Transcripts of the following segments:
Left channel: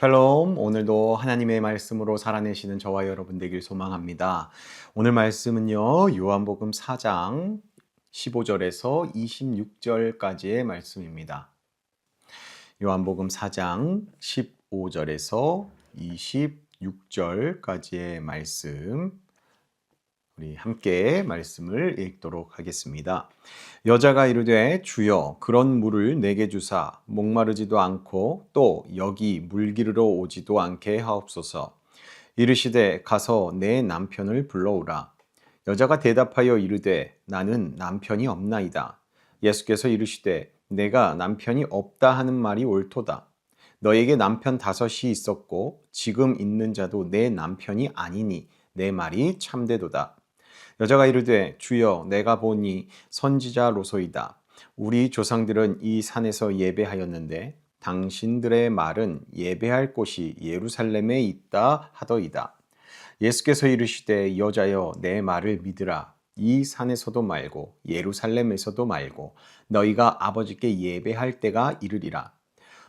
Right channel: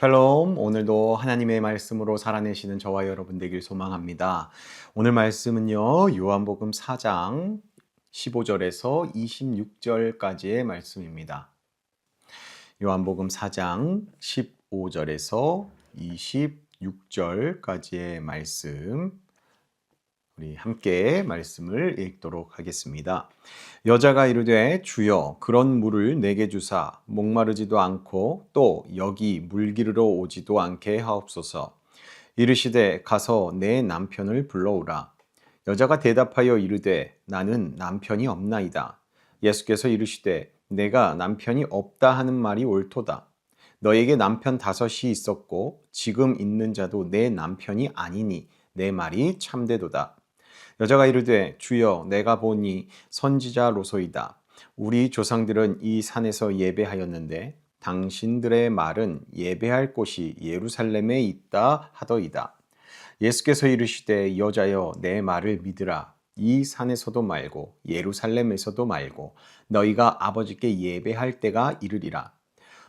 샬롬, 오늘도 하나님의 말씀으로 살아내시는 저와 여러분 되길 소망합니다. 오늘 말씀은요, 요한복음 4장 15절에서 26절까지의 말씀입니다. 요한복음 4장 15절에서 26절까지의 말씀, 우리 함께 말씀을 읽도록 하겠습니다. 여자가 이르되 주여 그런 물을 내게 주사 목마르지도 않고 또 여기 물 기르러 오지도 않게 하옵소서. 이르시되 가서 내 남편을 불러오라. 여자가 대답하여 이르되 나는 남편이 없나이다. 예수께서 이르시되 내가 남편이 없다 하는 말이 옳도다. 너에게 남편 5이 있었고 지금 있는 자도 내 남편이 아니니 내 말이 참되도다. 여자가 이르되 주여 내가 보니 선지자로소이다. 우리 조상들은 이 산에서 예배하였는데 당신들의 말은 예배할 곳이 예루살렘에 있다 하더이다. 예수께서 이르시되 여자여 내 말을 믿으라. 이 산에서도 말고 예루살렘에서도 말고 너희가 아버지께 예배할 때가 이르리라.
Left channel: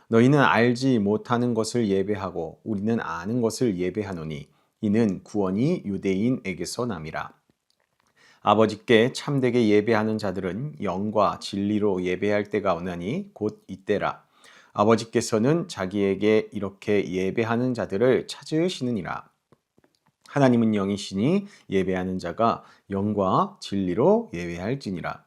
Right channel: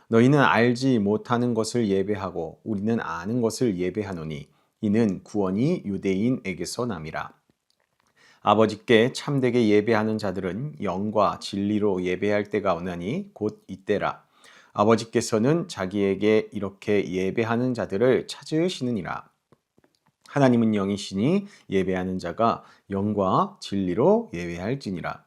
너희는 알지 못하는 것을 예배하고 우리는 아는 것을 예배하노니 이는 구원이 유대인에게서 남이라. 아버지께 참되게 예배하는 자들은 영과 진리로 예배할 때가 오나니 곧 이때라. 아버지께서는 자기에게 이렇게 예배하는 자들을 찾으시느니라. 하나님은 영이시니 예배하는 자가 영과 진리로 예배할지니라.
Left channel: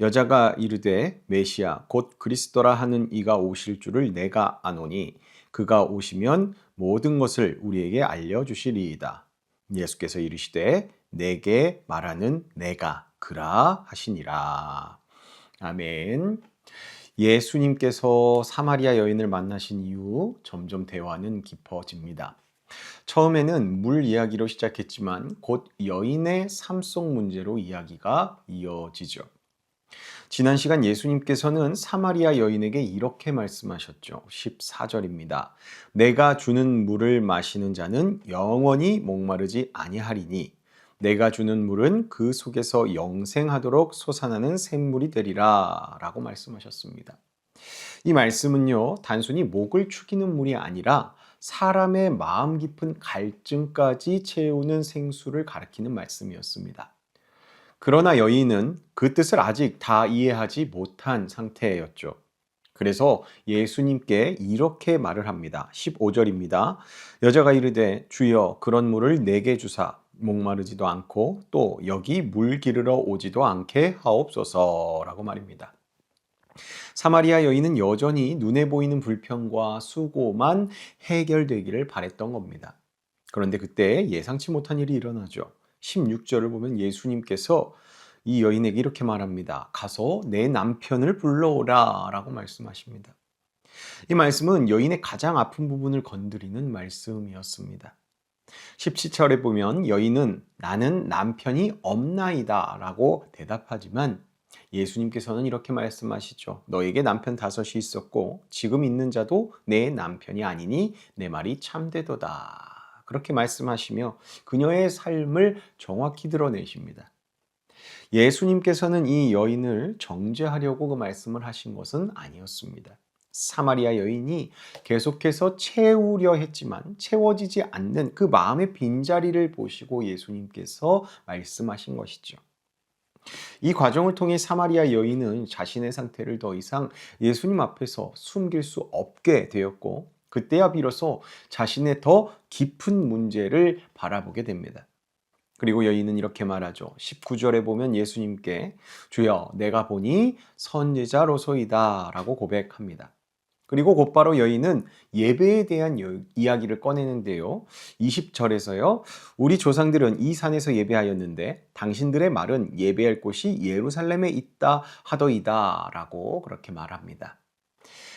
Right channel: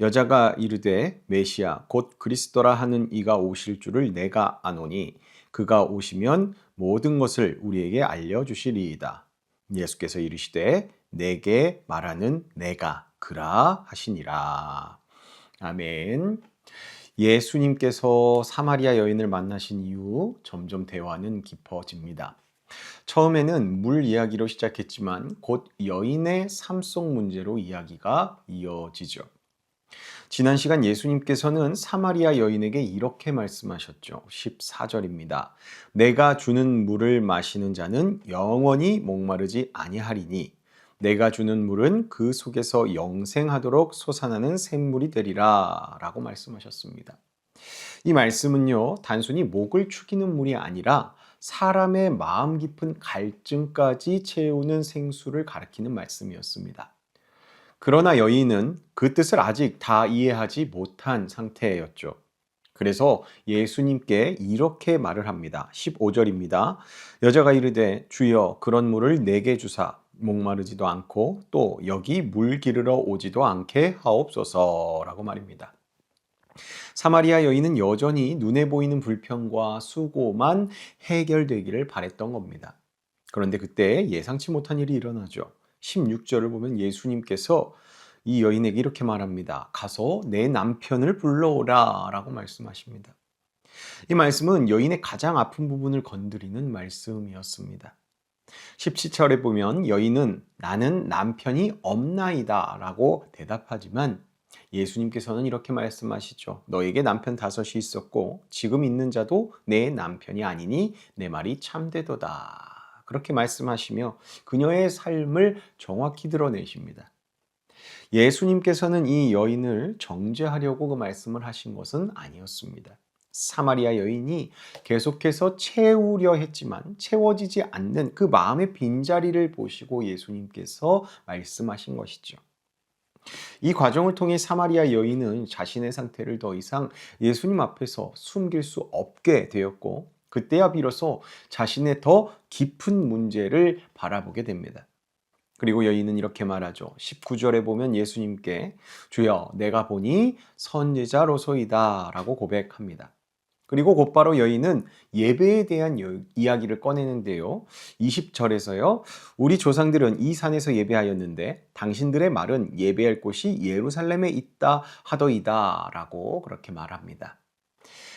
여자가 이르되 메시아 곧 그리스도라 하는 이가 오실 줄을 내가 아노니 그가 오시면 모든 것을 우리에게 알려주시리이다. 예수께서 이르시되 내게 말하는 내가 그라 하시니라. 아멘. 예수님께서 사마리아 여인을 만나신 이후 점점 대화는 깊어집니다. 처음에는 물 이야기로 시작했지만 곧 여인의 삶 속 문제로 이야기가 이어지죠. 지난 시간 예수님께서는 사마리아 여인에게 이렇게 말씀하셨죠. 14절입니다. 내가 주는 물을 마시는 자는 영원히 목마르지 아니하리니 내가 주는 물은 그 속에서 영생하도록 솟아나는 샘물이 되리라 라고 말씀하셨습니다. 이 말씀은요, 단순히 목을 축이는 물이 아니라 사람의 마음 깊은 갈증까지 채우는 생수를 가리키는 말씀이었습니다. 그러나 여인은 그 뜻을 아직 다 이해하지 못한 상태였죠. 그래서 예수님께 이렇게 말을 합니다. 15절입니다. 여자가 이르되 주여 그런 물을 내게 주사 목마르지도 않고 또 여기 물 기르러 오지도 않게 하옵소서라고 말입니다. 사마리아 여인은 여전히 눈에 보이는 불평과 수고만 해결되기를 바랬던 겁니다. 그런데 그때 예상치 못한 일이 일어나죠. 16절을 보면 예수님께서 이 여인에게 이렇게 말합니다. 가서 내 남편을 불러오라 라고 말씀하십니다. 이 말씀은 여인의 가장 아픈 부분을 건드리는 말씀이었습니다. 17절에 보면 여인은 나는 남편이 없나이다 라고 대답하지만 예수님께서는 이렇게 말씀하시죠. 너에게 남편 5이 있었고 지금 있는 자도 내 남편이 아니니 내 말이 참되도다. 그렇게 말씀하시며 그녀의 삶을 정확히 드러내십니다. 예수님께서는 이 여인을 정죄하려고 그 말씀을 하신 것은 아니었습니다. 사마리아 여인이 계속해서 채우려 했지만 채워지지 않는 그 마음의 빈자리를 보시고 예수님께서 말씀하신 것이죠. 이 과정을 통해 사마리아 여인은 자신의 상태를 더 이상 예수님 앞에서 숨길 수 없게 되었고 그때야 비로소 자신의 더 깊은 문제를 바라보게 됩니다. 그리고 여인은 이렇게 말하죠. 19절에 보면 예수님께 주여 내가 보니 선지자로소이다 라고 고백합니다. 그리고 곧바로 여인은 예배에 대한 이야기를 꺼내는데요. 20절에서요. 우리 조상들은 이 산에서 예배하였는데 당신들의 말은 예배할 곳이 예루살렘에 있다 하더이다 라고 그렇게 말합니다.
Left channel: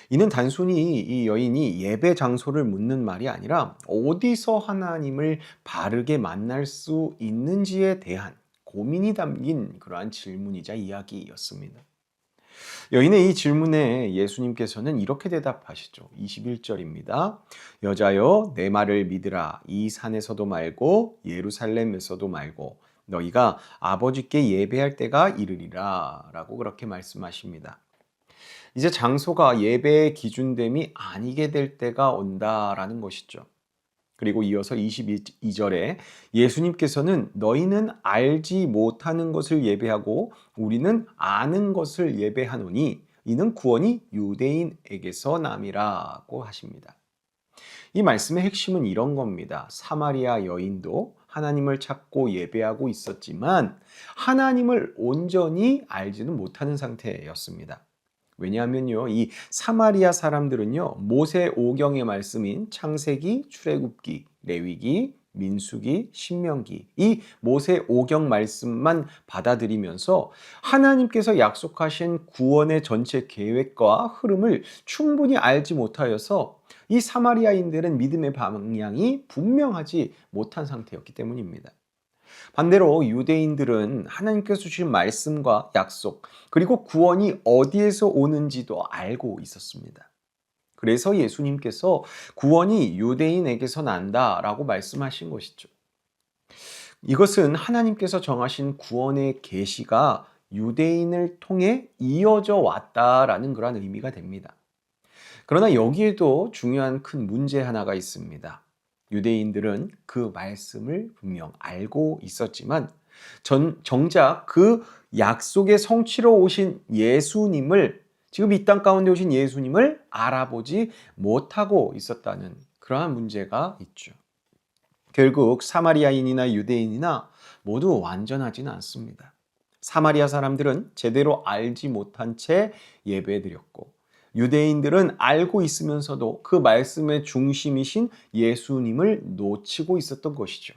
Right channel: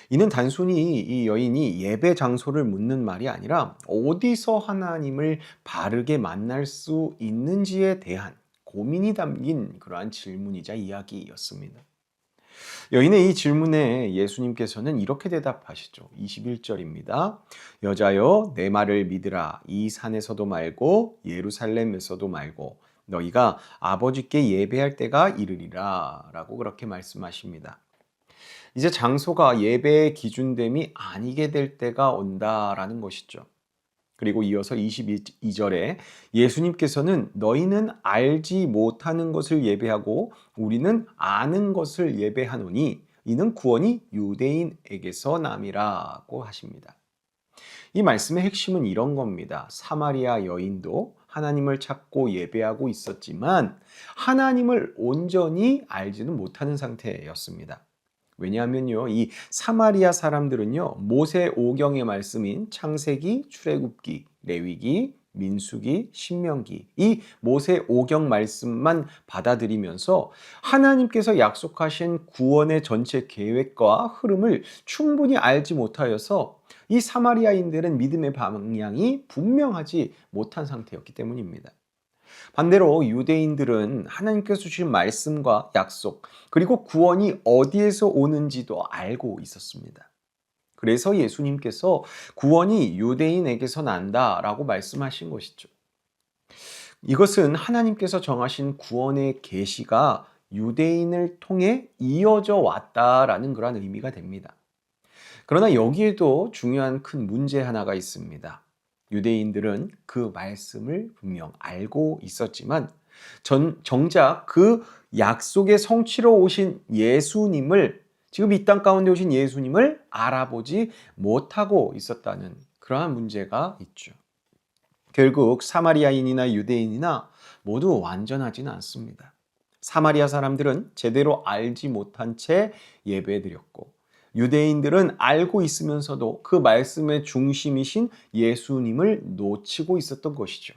이는 단순히 이 여인이 예배 장소를 묻는 말이 아니라 어디서 하나님을 바르게 만날 수 있는지에 대한 고민이 담긴 그러한 질문이자 이야기였습니다. 여인의 이 질문에 예수님께서는 이렇게 대답하시죠. 21절입니다. 여자여 내 말을 믿으라. 이 산에서도 말고 예루살렘에서도 말고 너희가 아버지께 예배할 때가 이르리라 라고 그렇게 말씀하십니다. 이제 장소가 예배의 기준됨이 아니게 될 때가 온다라는 것이죠. 그리고 이어서 22절에 예수님께서는 너희는 알지 못하는 것을 예배하고 우리는 아는 것을 예배하노니 이는 구원이 유대인에게서 남이라고 하십니다. 이 말씀의 핵심은 이런 겁니다. 사마리아 여인도 하나님을 찾고 예배하고 있었지만 하나님을 온전히 알지는 못하는 상태였습니다. 왜냐하면요, 이 사마리아 사람들은요, 모세 오경의 말씀인 창세기, 출애굽기, 레위기, 민수기, 신명기, 이 모세 오경 말씀만 받아들이면서 하나님께서 약속하신 구원의 전체 계획과 흐름을 충분히 알지 못하여서 이 사마리아인들은 믿음의 방향이 분명하지 못한 상태였기 때문입니다. 반대로 유대인들은 하나님께서 주신 말씀과 약속, 그리고 구원이 어디에서 오는지도 알고 있었습니다. 그래서 예수님께서 구원이 유대인에게서 난다라고 말씀하신 것이죠. 이것은 하나님께서 정하신 구원의 계시가 유대인을 통해 이어져 왔다라는 그런 의미가 됩니다. 그러나 여기에도 중요한 큰 문제 하나가 있습니다. 유대인들은 그 말씀을 분명 알고 있었지만 정작 그 약속의 성취로 오신 예수님을, 지금 이 땅 가운데 오신 예수님을 알아보지 못하고 있었다는 그러한 문제가 있죠. 결국 사마리아인이나 유대인이나 모두 완전하지는 않습니다. 사마리아 사람들은 제대로 알지 못한 채 예배드렸고 유대인들은 알고 있으면서도 그 말씀의 중심이신 예수님을 놓치고 있었던 것이죠.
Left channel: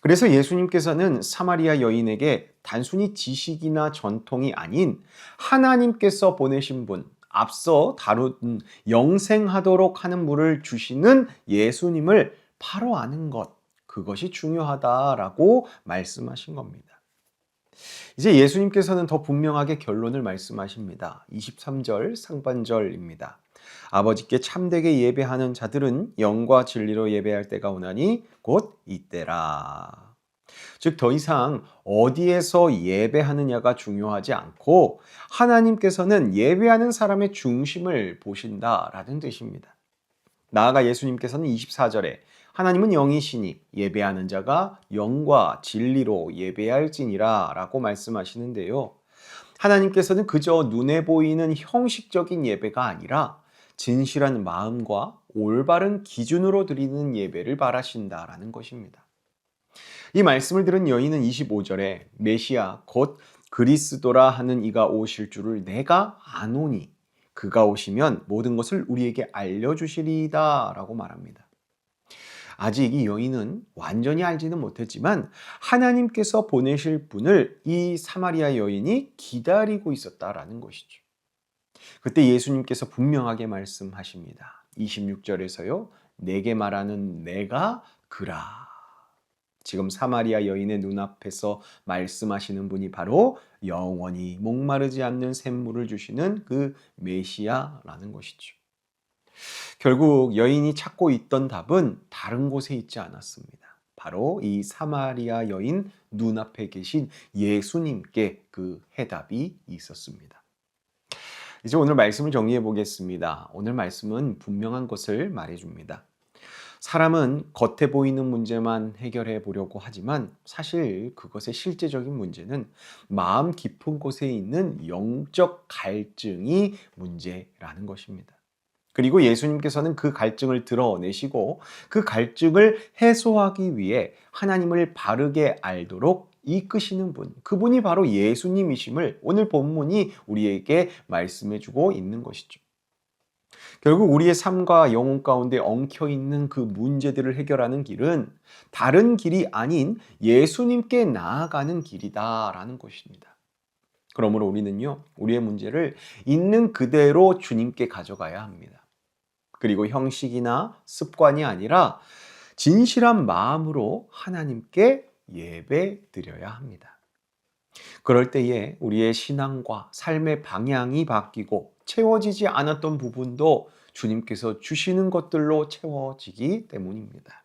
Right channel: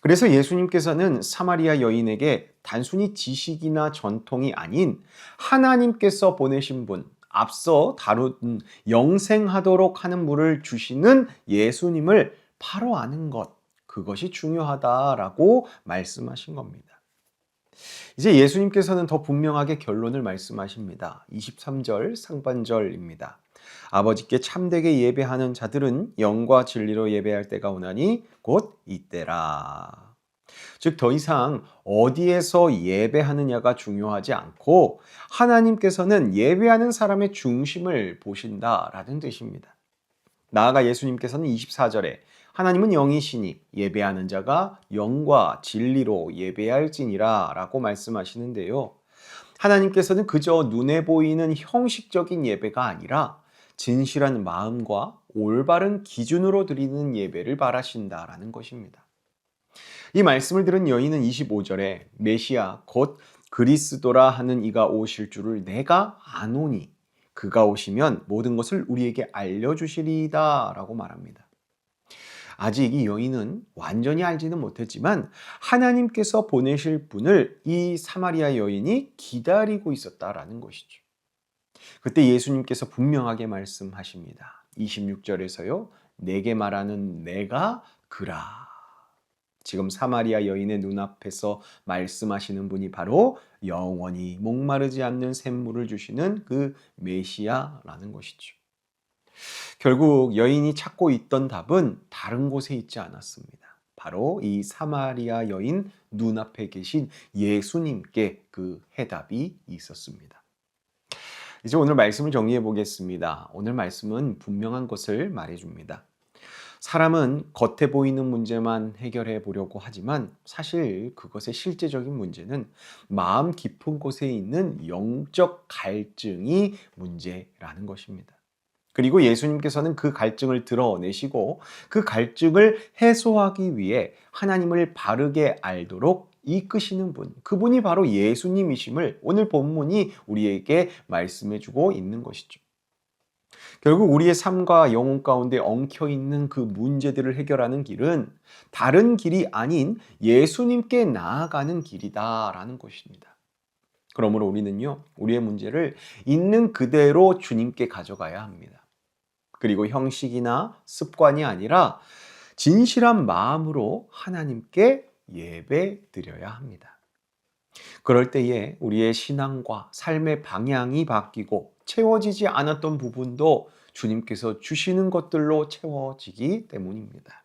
그래서 예수님께서는 사마리아 여인에게 단순히 지식이나 전통이 아닌 하나님께서 보내신 분, 앞서 다룬 영생하도록 하는 물을 주시는 예수님을 바로 아는 것, 그것이 중요하다라고 말씀하신 겁니다. 이제 예수님께서는 더 분명하게 결론을 말씀하십니다. 23절 상반절입니다. 아버지께 참되게 예배하는 자들은 영과 진리로 예배할 때가 오나니 곧 이때라. 즉 더 이상 어디에서 예배하느냐가 중요하지 않고 하나님께서는 예배하는 사람의 중심을 보신다라는 뜻입니다. 나아가 예수님께서는 24절에 하나님은 영이시니 예배하는 자가 영과 진리로 예배할지니라 라고 말씀하시는데요. 하나님께서는 그저 눈에 보이는 형식적인 예배가 아니라 진실한 마음과 올바른 기준으로 드리는 예배를 바라신다라는 것입니다. 이 말씀을 들은 여인은 25절에 메시아 곧 그리스도라 하는 이가 오실 줄을 내가 아노니 그가 오시면 모든 것을 우리에게 알려주시리이다 라고 말합니다. 아직 이 여인은 완전히 알지는 못했지만 하나님께서 보내실 분을 이 사마리아 여인이 기다리고 있었다라는 것이죠. 그때 예수님께서 분명하게 말씀하십니다. 26절에서요. 내게 말하는 내가 그라. 지금 사마리아 여인의 눈앞에서 말씀하시는 분이 바로 영원히 목마르지 않는 샘물을 주시는 그 메시아라는 것이죠. 결국 여인이 찾고 있던 답은 다른 곳에 있지 않았습니다. 바로 이 사마리아 여인 눈앞에 계신 예수님께 그 해답이 있었습니다. 이제 오늘 말씀을 정리해 보겠습니다. 오늘 말씀은 분명한 것을 말해줍니다. 사람은 겉에 보이는 문제만 해결해 보려고 하지만 사실 그것의 실제적인 문제는 마음 깊은 곳에 있는 영적 갈증이 문제라는 것입니다. 그리고 예수님께서는 그 갈증을 드러내시고 그 갈증을 해소하기 위해 하나님을 바르게 알도록 이끄시는 분, 그분이 바로 예수님이심을 오늘 본문이 우리에게 말씀해주고 있는 것이죠. 결국 우리의 삶과 영혼 가운데 엉켜있는 그 문제들을 해결하는 길은 다른 길이 아닌 예수님께 나아가는 길이다라는 것입니다. 그러므로 우리는요, 우리의 문제를 있는 그대로 주님께 가져가야 합니다. 그리고 형식이나 습관이 아니라 진실한 마음으로 하나님께 예배 드려야 합니다. 그럴 때에 우리의 신앙과 삶의 방향이 바뀌고 채워지지 않았던 부분도 주님께서 주시는 것들로 채워지기 때문입니다.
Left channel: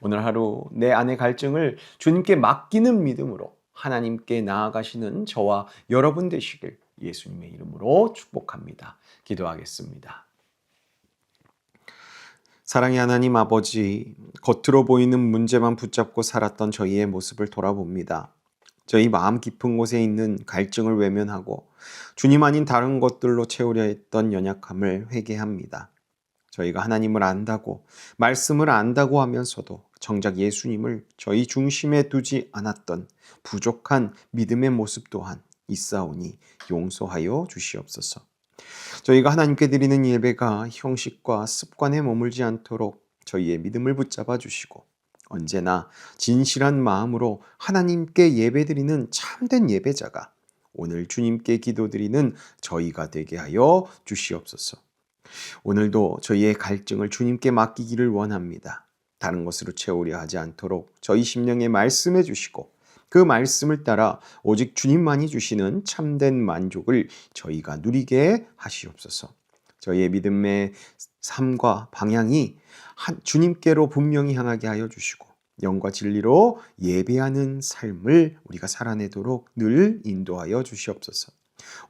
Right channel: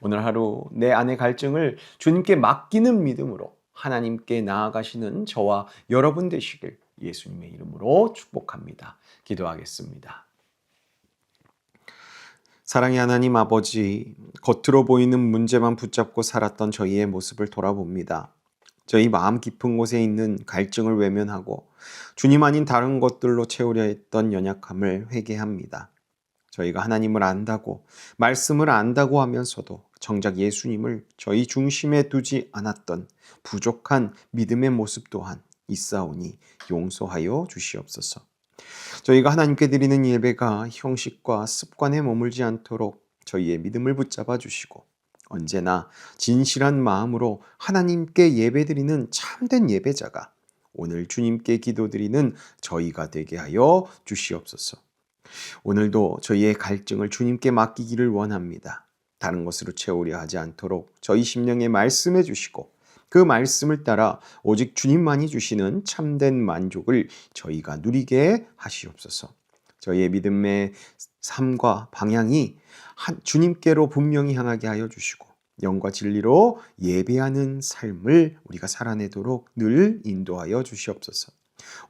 오늘 하루 내 안의 갈증을 주님께 맡기는 믿음으로 하나님께 나아가시는 저와 여러분 되시길 예수님의 이름으로 축복합니다. 기도하겠습니다. 사랑의 하나님 아버지, 겉으로 보이는 문제만 붙잡고 살았던 저희의 모습을 돌아봅니다. 저희 마음 깊은 곳에 있는 갈증을 외면하고 주님 아닌 다른 것들로 채우려 했던 연약함을 회개합니다. 저희가 하나님을 안다고, 말씀을 안다고 하면서도 정작 예수님을 저희 중심에 두지 않았던 부족한 믿음의 모습 또한 있사오니 용서하여 주시옵소서. 저희가 하나님께 드리는 예배가 형식과 습관에 머물지 않도록 저희의 믿음을 붙잡아 주시고 언제나 진실한 마음으로 하나님께 예배드리는 참된 예배자가 오늘 주님께 기도드리는 저희가 되게 하여 주시옵소서. 오늘도 저희의 갈증을 주님께 맡기기를 원합니다. 다른 것으로 채우려 하지 않도록 저희 심령에 말씀해 주시고 그 말씀을 따라 오직 주님만이 주시는 참된 만족을 저희가 누리게 하시옵소서. 저희의 믿음의 삶과 방향이 주님께로 분명히 향하게 하여 주시고 영과 진리로 예배하는 삶을 우리가 살아내도록 늘 인도하여 주시옵소서.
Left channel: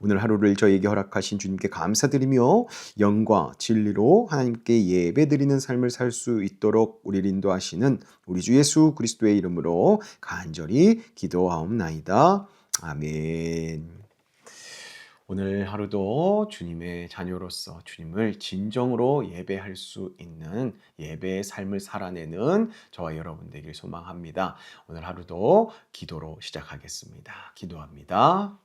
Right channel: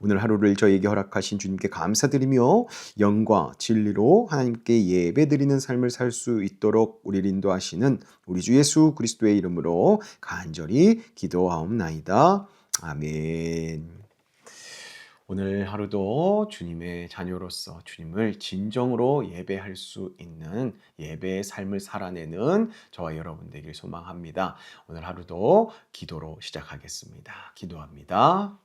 오늘 하루를 저에게 허락하신 주님께 감사드리며 영과 진리로 하나님께 예배드리는 삶을 살 수 있도록 우리를 인도하시는 우리 주 예수 그리스도의 이름으로 간절히 기도하옵나이다. 아멘. 오늘 하루도 주님의 자녀로서 주님을 진정으로 예배할 수 있는 예배의 삶을 살아내는 저와 여러분 되길 소망합니다. 오늘 하루도 기도로 시작하겠습니다. 기도합니다.